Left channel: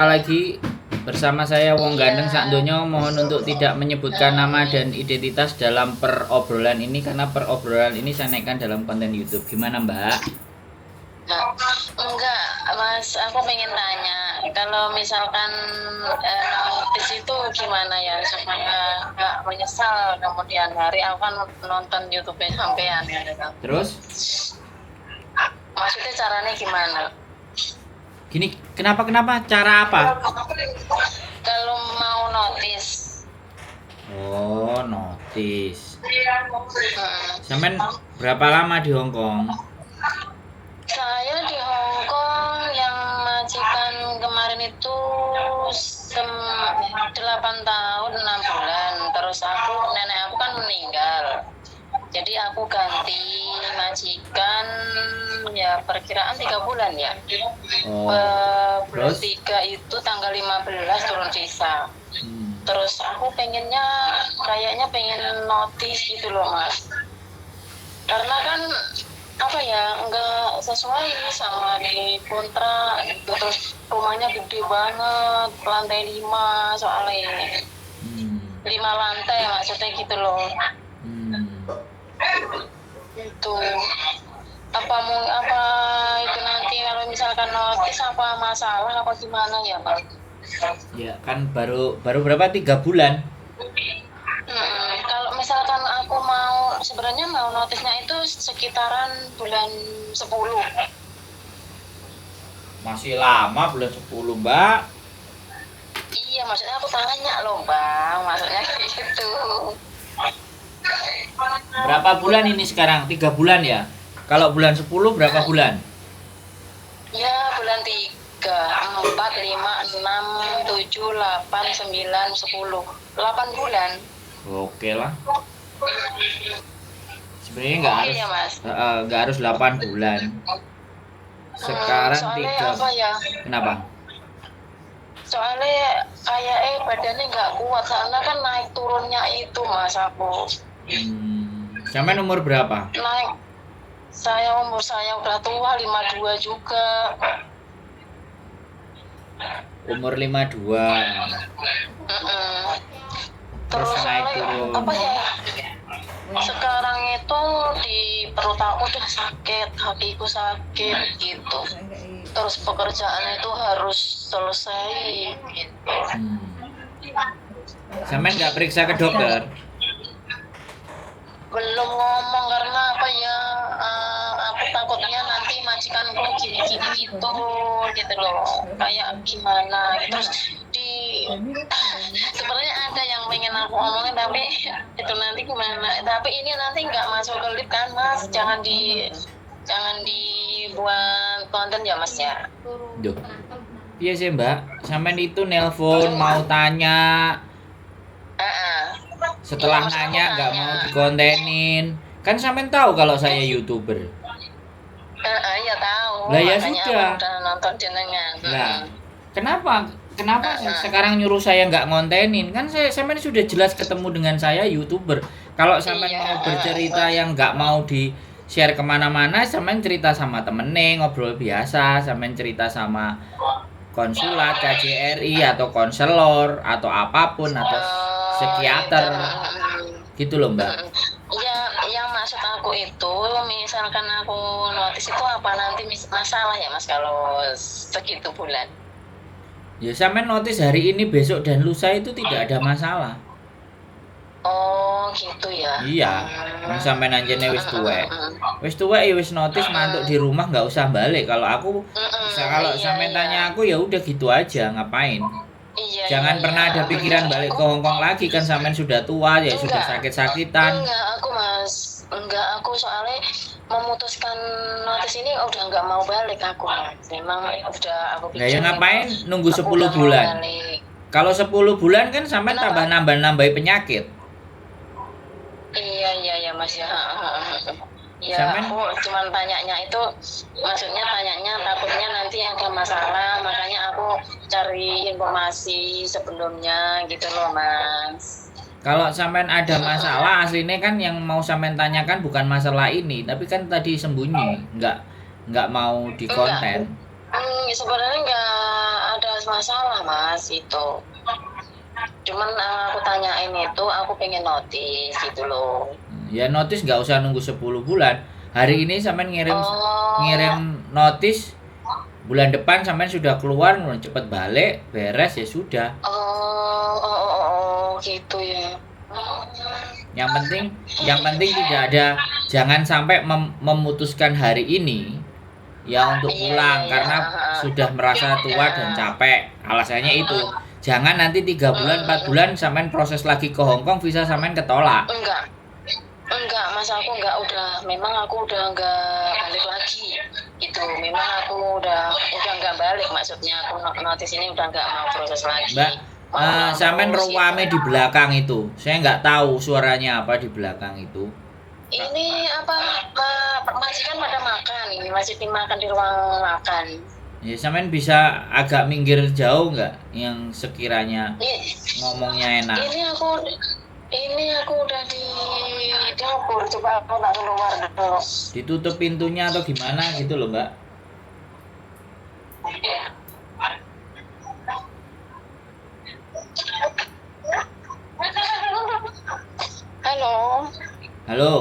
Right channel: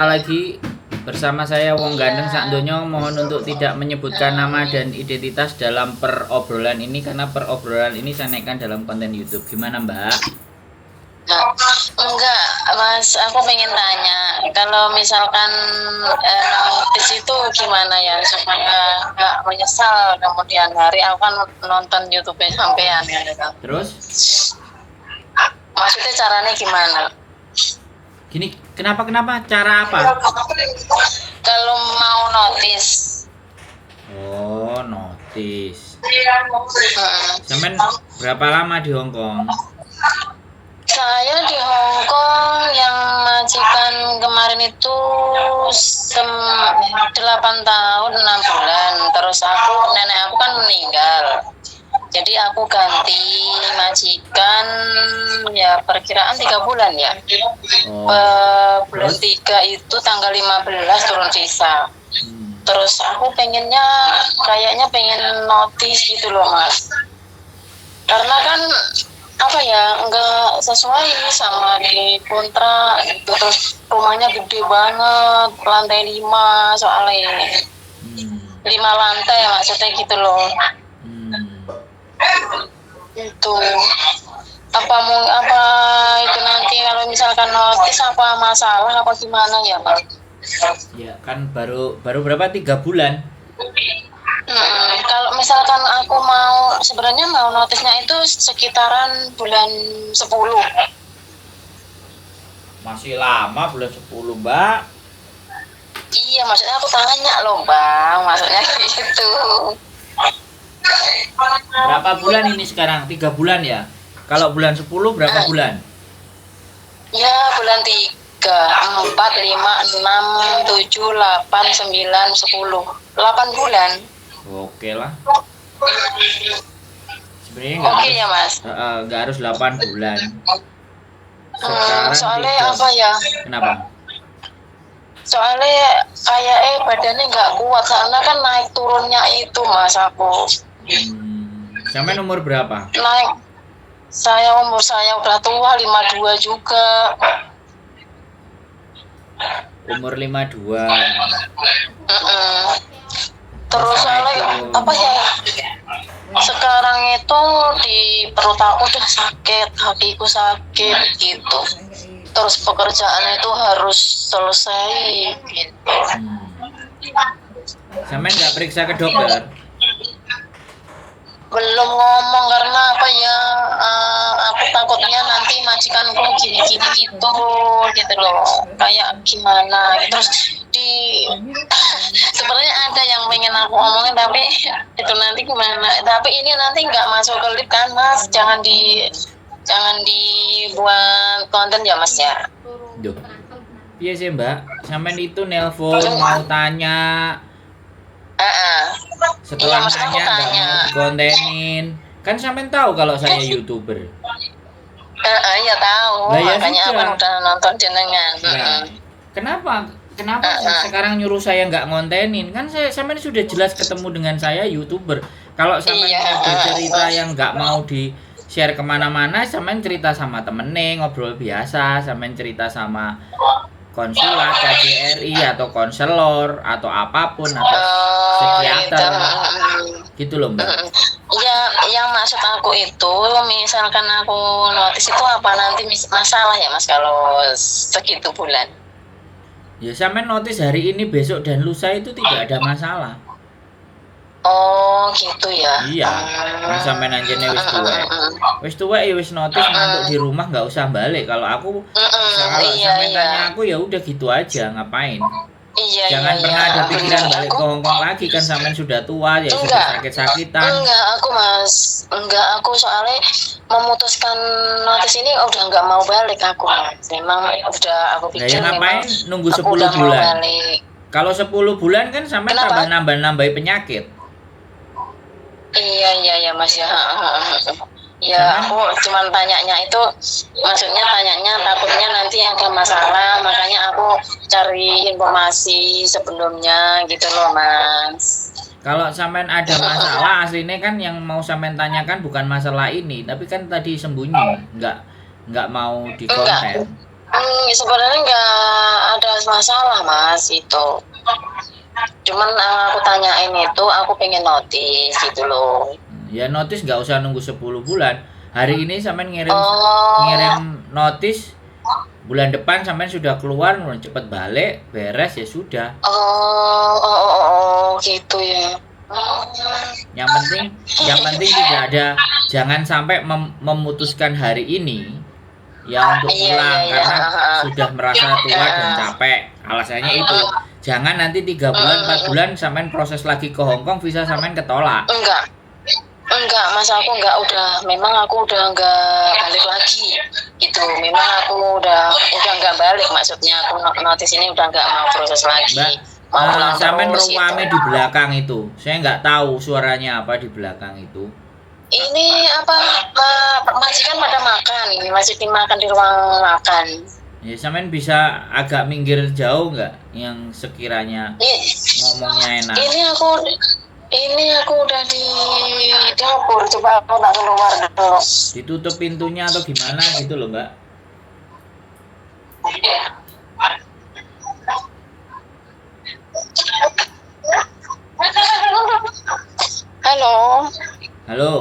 Lagi bersama saya Wong Gandeng Iya, sak donya, mohon untuk tidak menyebutkan nama dan identitas dalam perobrolan ini karena perobrolan ini saya naikkan dalam konten YouTube. Gimana, Mbak? enggak, Mas. Aku pengen tanya, kalau misalkan notis itu gimana ya supaya nggak menyesal kemudian hari aku kan nonton YouTube sampean gitu. Terus Maksudnya caranya gimana? gini, kenapa cara apa? Kalau mau notis, Oh, notis. hmm, Sampean berapa lama di Hong Kong? saya di Hong Kong yang majikan kemarin itu 8 tahun 6 bulan. Terus nenek aku kan meninggal. Jadi aku ganti majikan ya perkiraan 3 bulan ya. Oh, Bulan terus? 3 itu tanggal 15 turun visa. Terus aku pengennya kayaknya pengen notis gitu loh Mas. Karena kan apa ya nggak sesuai sama di kontrak gitu. Terus rumahnya gede banget, lantai 5 soalnya Hmm, 5 lantai maksudnya gitu loh. hmm. Itu apa itu nanti kalau misalkan notis apa masalah apa gimana ya Pak? Ya kan baru berapa? 3 bulan. Kalau misalkan aku mau sebenarnya mau notisnya itu sekitaran bulan 10. Masih lama, bulan 10, Mbak. Iya maksudnya aku tanya loh Bang, maksudnya gitu. Berapa bulan ini sekarang? 3 bulan ya? Kalau bulan 10 berapa bulan? Ya bulan 3, 4, 5, 6, 7, 8, 9, 10, 8 bulan. Oke lah. Sebenarnya nggak Oke harus ya Mas. nggak harus 8 bulan. Sekarang Soalnya 3. apa ya? Kenapa? Soalnya kayak badannya nggak kuat karena kan naik turunnya itu Mas aku. Sampai umur berapa? Naik umur saya udah tua 52 juga. Umur 52. Mm-mm. Terus Terus naik soalnya turun. apa ya? Sekarang itu di perut aku udah sakit, kakiku sakit gitu. Terus pekerjaan itu harus selesai gitu. Sampai nggak periksa ke dokter? Belum ngomong karena apa ya, aku takutnya nanti majikanku gini-gini gitu loh, kayak gimana gitu. Terus sebenarnya ada yang pengen aku omongin tapi itu nanti gimana, tapi ini nanti nggak masuk ke live kan Mas, jangan dibuat konten ya Mas ya. Duh. Iya sih, Mbak. Sampai itu nelpon mau tanya, setelah Iya, maksud aku nanya nggak tanya. mau dikontenin. Kan sampai tahu kalau saya YouTuber. Iya tahu, Lah ya makanya sudah. aku udah nonton jenengan. Nah, kenapa sekarang nyuruh saya nggak ngontenin? Kan saya sampean sudah jelas ketemu dengan saya YouTuber. Kalau sampean Iya, mau bercerita yang nggak mau di share kemana-mana, sampean cerita sama temennya, ngobrol biasa, sampean cerita sama konsulat, KJRI atau konselor atau apapun atau psikiater gitu loh, Mbak. Iya, yang maksud aku itu misalkan aku notis itu apa nanti masalah ya Mas kalau segitu bulan? Ya sampean notis hari ini, besok dan lusa itu tidak ada masalah. Oh gitu ya. Iya, kan sampean anjene wis tuwek ya wis notis mantuk di rumah nggak usah balik. Kalau aku kalau Iya, sampean iya. tanya aku ya udah gitu aja, ngapain? Iya, Jangan iya, pernah iya. ada pikiran balik ke Hong Kong lagi, kan sampean sudah tua ya, sudah sakit-sakitan. Enggak, aku Mas. Enggak, aku soalnya memutuskan notis ini udah nggak mau balik aku. Memang udah aku Nah, ya pikir ngapain memang nunggu aku 10 udah mau bulan? balik. Kalau 10 bulan kan sampean Kenapa? tambah nambah-nambahi penyakit. Iya Mas ya. Ya Sampean aku cuman tanyanya itu, maksudnya tanyanya takutnya nanti ada masalah, makanya aku cari informasi sebelumnya gitu loh Mas. kalau sampean ada masalah aslinya kan yang mau sampean tanyakan bukan masalah ini, tapi kan tadi sembunyi, nggak mau di Enggak, konten. sebenarnya nggak ada bahas masalah mas itu. Cuman aku tanyain itu, aku pengen notice gitu loh. Ya notis nggak usah nunggu 10 bulan. Hari ini sampean ngirim Oh, notis, bulan depan sampean sudah keluar, cepet balik, beres ya sudah. gitu ya. Yang penting tidak ada, jangan sampai memutuskan hari ini ya untuk Iya, pulang iya, iya. karena sudah merasa tua dan capek. Alasannya itu. Jangan nanti 3 bulan, 4 bulan sampean proses lagi ke Hong Kong, visa sampean ketolak. Enggak mas, aku memang aku udah enggak balik lagi itu. Memang aku udah enggak balik, maksudnya aku notice ini udah enggak mau proses lagi. Mbak, sampean terus ruame gitu. di belakang itu. Saya nggak tahu suaranya apa di belakang itu. Ini apa, majikan pada makan, ini masih dimakan di ruang makan. Ya, sampean bisa agak minggir jauh nggak yang sekiranya ngomongnya enak. Ini aku udah di dapur, coba aku nak keluar dulu. Ditutup pintunya atau gimana gitu loh, Mbak. Halo. Halo.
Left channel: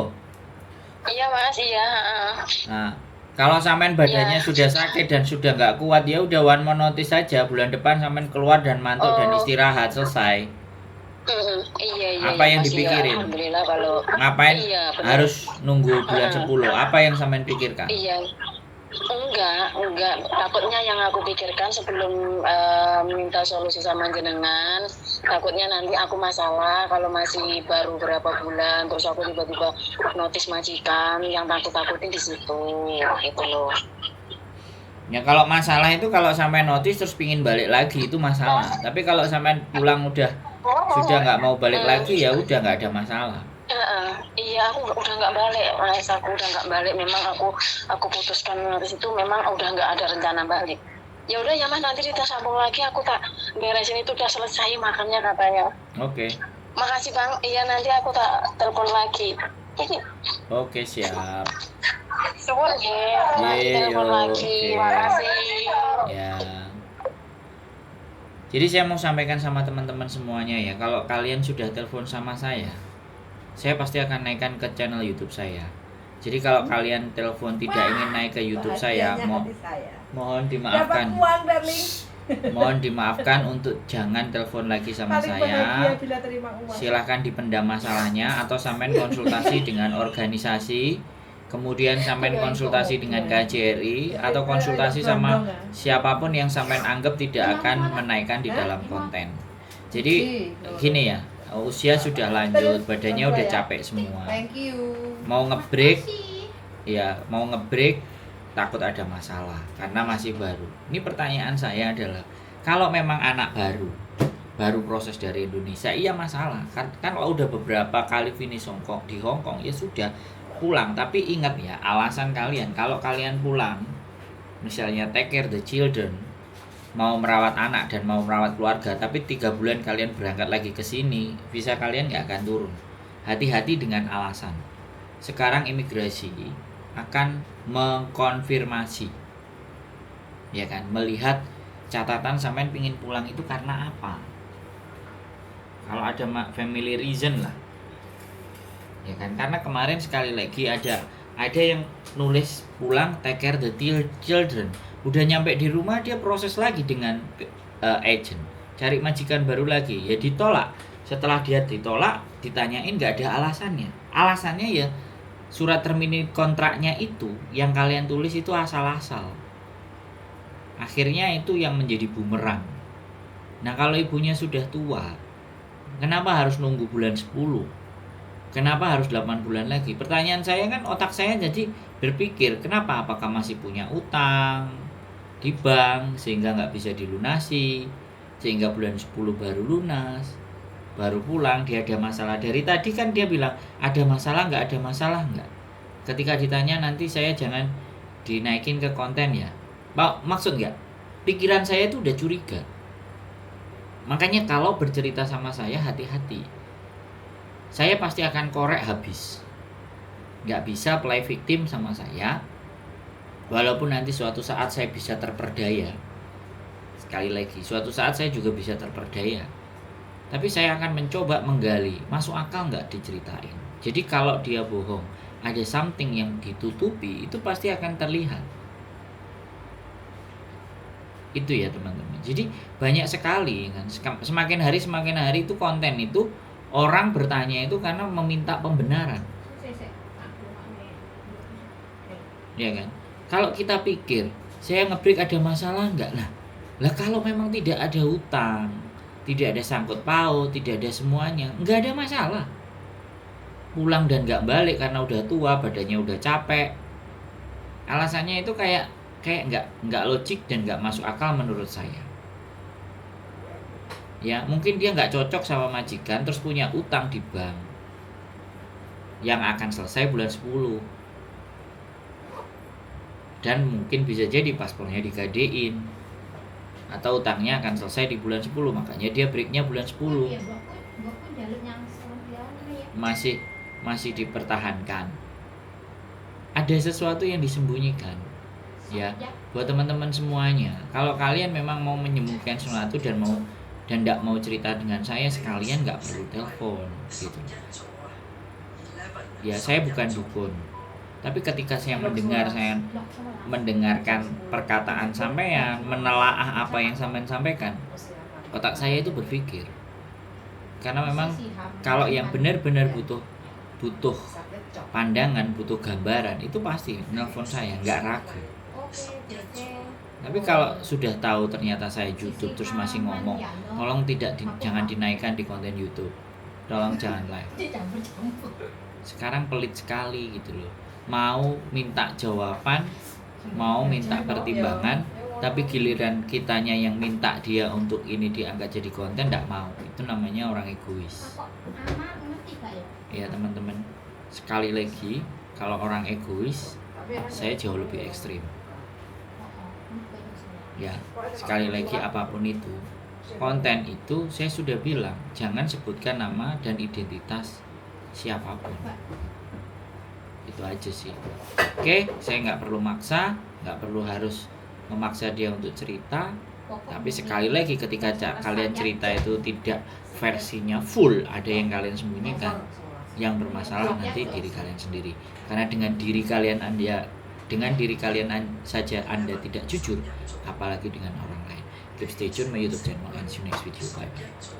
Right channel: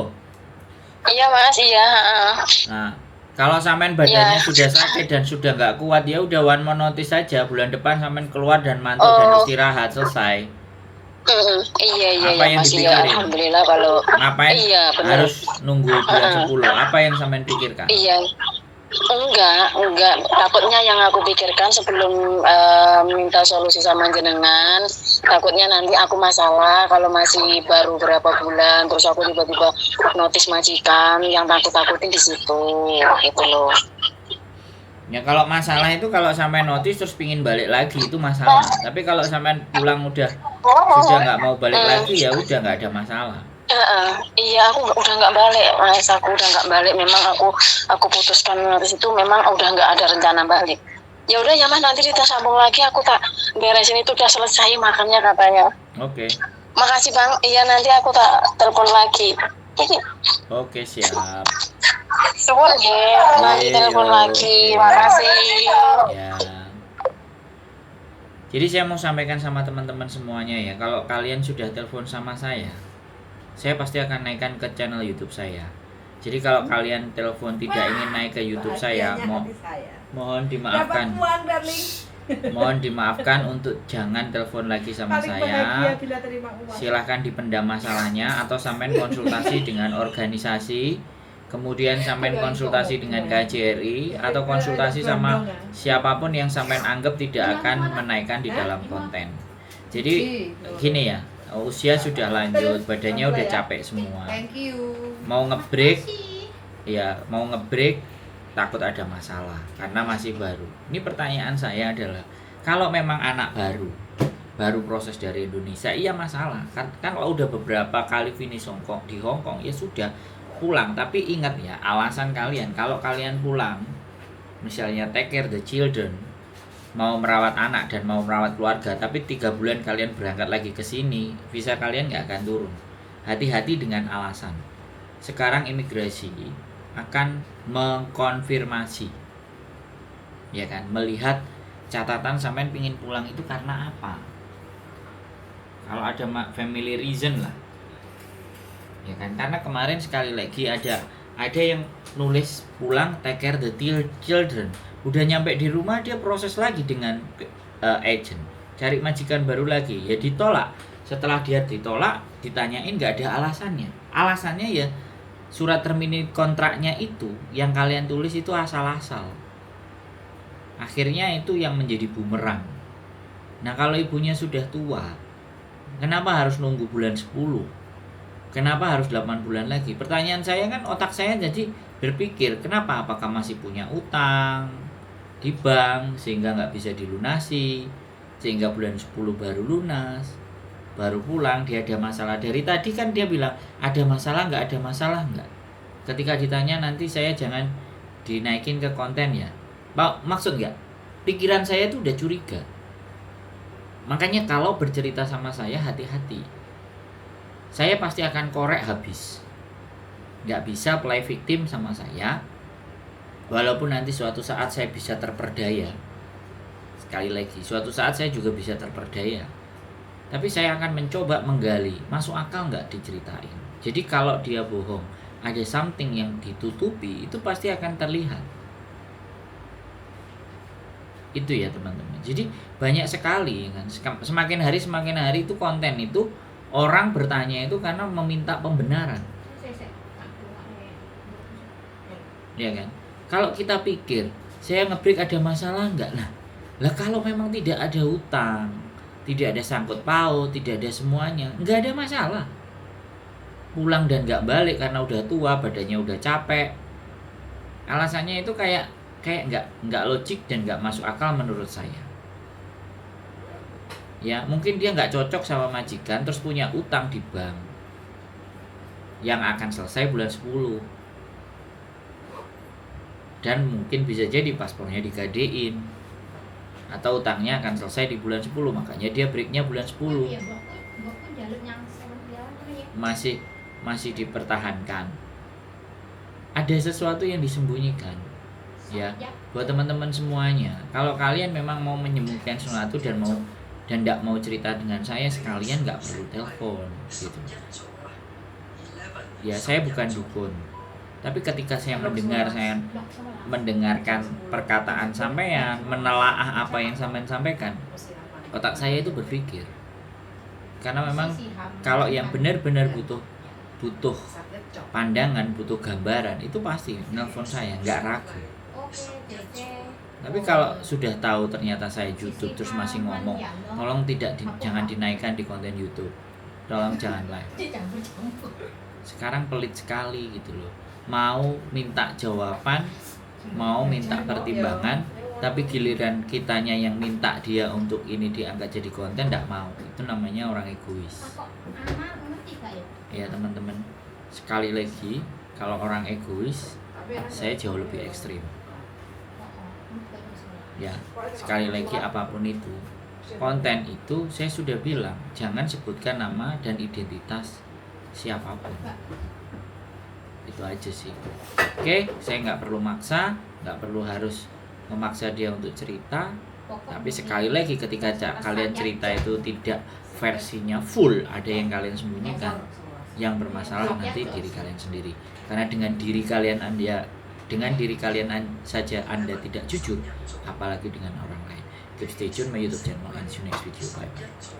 Iya mas, iya. Nah, kalau sampean badannya sudah sakit dan sudah nggak kuat, ya udah one more notice saja. Bulan depan sampean keluar dan mantuk dan istirahat, selesai. Iya. Apa yang Mas, dipikirin? Alhamdulillah kalau Ngapain harus nunggu bulan 10? Apa yang sampean pikirkan? Iya. Enggak. Takutnya yang aku pikirkan sebelum minta solusi sama jenengan, takutnya nanti aku masalah kalau masih baru berapa bulan, terus aku tiba-tiba notis majikan, yang takut-takutin di situ, gitu loh. Ya kalau masalah itu kalau sampai notis terus pingin balik lagi itu masalah. Tapi kalau sampai pulang sudah nggak mau balik lagi ya udah nggak ada masalah. Iya, aku udah nggak balik, mas. Aku udah nggak balik. Memang aku putuskan notis itu memang udah nggak ada rencana balik. Ya udah ya mas, nanti kita sambung lagi. Aku tak beresin itu udah selesai makannya katanya. Oke. Makasih bang. Iya nanti aku tak telepon lagi. Oke, siap. Suwun ya. Nanti telepon lagi. Makasih. Ya. Jadi saya mau sampaikan sama teman-teman semuanya ya, kalau kalian sudah telepon sama saya pasti akan naikkan ke channel YouTube saya. Jadi kalau kalian telepon tidak ingin naik ke YouTube saya, mohon dimaafkan. Mohon dimaafkan untuk jangan telepon lagi sama saya. Silahkan dipendam masalahnya atau sampean konsultasi dengan organisasi, kemudian sampean konsultasi dengan KJRI atau konsultasi sama siapapun yang sampean anggap tidak akan menaikkan di dalam konten. Jadi gini ya, usia sudah lanjut, badannya udah capek semua. Mau ngebreak, takut ada masalah karena masih baru. Ini pertanyaan saya adalah, kalau memang anak baru proses dari Indonesia, iya masalah. Kan kalau udah beberapa kali finish di Hong Kong ya sudah pulang. Tapi ingat ya, alasan kalian kalau kalian pulang, misalnya take care the children, mau merawat anak dan mau merawat keluarga, tapi 3 bulan kalian berangkat lagi ke sini, visa kalian nggak akan turun. Hati-hati dengan alasan. Sekarang imigrasi akan mengkonfirmasi, ya kan, melihat catatan sampean pingin pulang itu karena apa. Kalau ada family reason lah, ya kan, karena kemarin sekali lagi ada yang nulis pulang take care the children. Udah nyampe di rumah dia proses lagi dengan agent, cari majikan baru lagi, ya ditolak. Setelah dia ditolak, ditanyain nggak ada alasannya ya surat terminate kontraknya itu yang kalian tulis itu asal-asal. Akhirnya itu yang menjadi bumerang. Nah kalau ibunya sudah tua, kenapa harus nunggu bulan 10? Kenapa harus 8 bulan lagi? Pertanyaan saya kan, otak saya jadi berpikir, kenapa? Apakah masih punya utang di bank sehingga nggak bisa dilunasi, sehingga bulan 10 baru lunas, baru pulang. Dia ada masalah dari tadi kan, dia bilang ada masalah nggak, ada masalah nggak. Ketika ditanya nanti saya jangan dinaikin ke konten ya, maksud nggak? Pikiran saya itu udah curiga. Makanya kalau bercerita sama saya hati-hati. Saya pasti akan korek habis. Nggak bisa play victim sama saya. Walaupun nanti suatu saat saya bisa terperdaya. Sekali lagi, suatu saat saya juga bisa terperdaya. Tapi saya akan mencoba menggali, masuk akal nggak diceritain. Jadi kalau dia bohong, ada something yang ditutupi, itu pasti akan terlihat. Itu ya teman-teman. Jadi banyak sekali kan. Semakin hari itu konten itu orang bertanya itu karena meminta pembenaran. Ya kan? Kalau kita pikir, saya nge-break ada masalah enggak? Lah kalau memang tidak ada hutang, tidak ada sangkut paut, tidak ada semuanya, enggak ada masalah. Pulang dan enggak balik karena udah tua, badannya udah capek. Alasannya itu kayak enggak logik dan enggak masuk akal menurut saya. Ya, mungkin dia enggak cocok sama majikan terus punya utang di bank yang akan selesai bulan 10. Dan mungkin bisa jadi paspornya digadein atau utangnya akan selesai di bulan 10, makanya dia breaknya bulan 10. Masih dipertahankan. Ada sesuatu yang disembunyikan. Ya, buat teman-teman semuanya, kalau kalian memang mau menyembunyikan sesuatu dan tidak mau cerita dengan saya, sekalian nggak perlu telepon gitu. Ya, saya bukan dukun. Tapi ketika saya mendengarkan perkataan sampean, menelaah apa yang sampean sampaikan, otak saya itu berpikir. Karena memang kalau yang benar-benar butuh pandangan, butuh gambaran, itu pasti nelpon saya, nggak ragu. Tapi kalau sudah tahu ternyata saya YouTube terus masih ngomong, tolong jangan dinaikkan di konten YouTube. Tolong jangan live. Sekarang pelit sekali gitu loh. Mau minta jawaban, mau minta pertimbangan, tapi giliran kitanya yang minta dia untuk ini diangkat jadi konten, tidak mau. Itu namanya orang egois. Ya teman-teman, sekali lagi, kalau orang egois, saya jauh lebih ekstrim. Ya, sekali lagi apapun itu, konten itu saya sudah bilang, jangan sebutkan nama dan identitas siapapun. Itu aja sih. Oke, saya nggak perlu maksa, nggak perlu harus memaksa dia untuk cerita. Tapi sekali lagi ketika kalian cerita itu tidak versinya full, ada yang kalian sembunyikan, yang bermasalah nanti diri kalian sendiri. Karena dengan diri kalian saja Anda tidak jujur, apalagi dengan orang lain. Keep stay tune my YouTube channel and see you next video. Bye bye.